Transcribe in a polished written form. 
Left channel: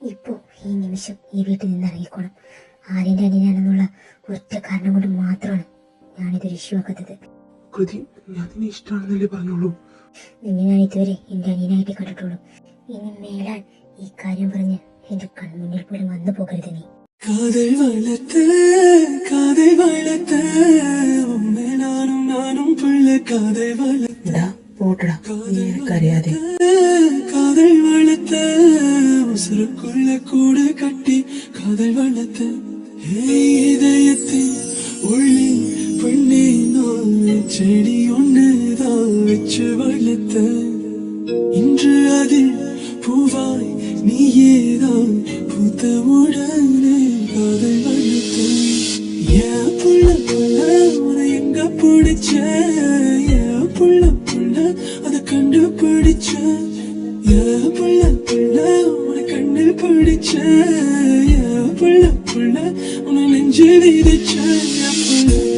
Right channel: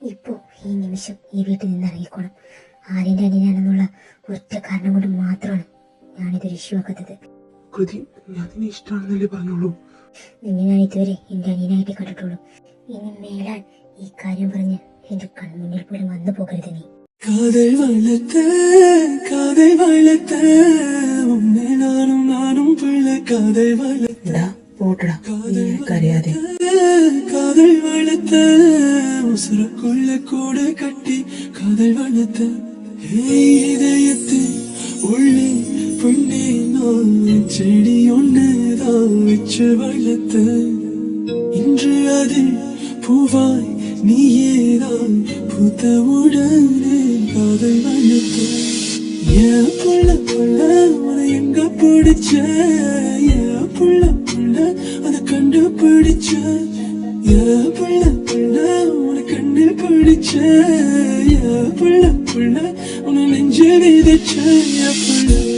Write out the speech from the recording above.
ഇപ്പോൾ ഈ നിമിഷം ഈ വീട്ടിൽ നിന്ന് ഇറങ്ങിക്കോണം. ആര്യൻ്റെ അനിയനാണെന്നുള്ള ഒറ്റ കാരണം കൊണ്ട് മാത്രമാണ് ഞാനിതൊരു ഇഷ്യൂ ആക്കാത്തത്. നിന്നെ ഞാൻ ഇതുവരെ എൻ്റെ അനിയനായിട്ട് കണ്ടിട്ടുള്ളൂ. ഇനി മേലാൽ ഈ കാര്യം പറഞ്ഞ് എന്റെ കൺമുന്നിൽ പോലും വന്നു പോകരുത് നീ. കാതൽ വളർത്ത നാനും പുള്ള കാതൽ വളർത്തറിയാതെ കാതൽ വളർത്ത ഉസരക്കുള്ള കൂടെ കട്ടി കാതൽ വളർത്ത இதயத்தின் உள்ளே பெண்ணே நான் செடி ஒன்றுதான் வச்சு வளர்த்த இன்று அதில் பூவாய் நீயேதான் புத்தவுடனே காதல் வளர்த்த உன எங்க பிடிச்ச புள்ள அதை கண்டுபிடிச்ச புள்ள உன கண்ணு பிடிச்ச புள்ள உன நெஞ்சு விதிச்ச புள்ள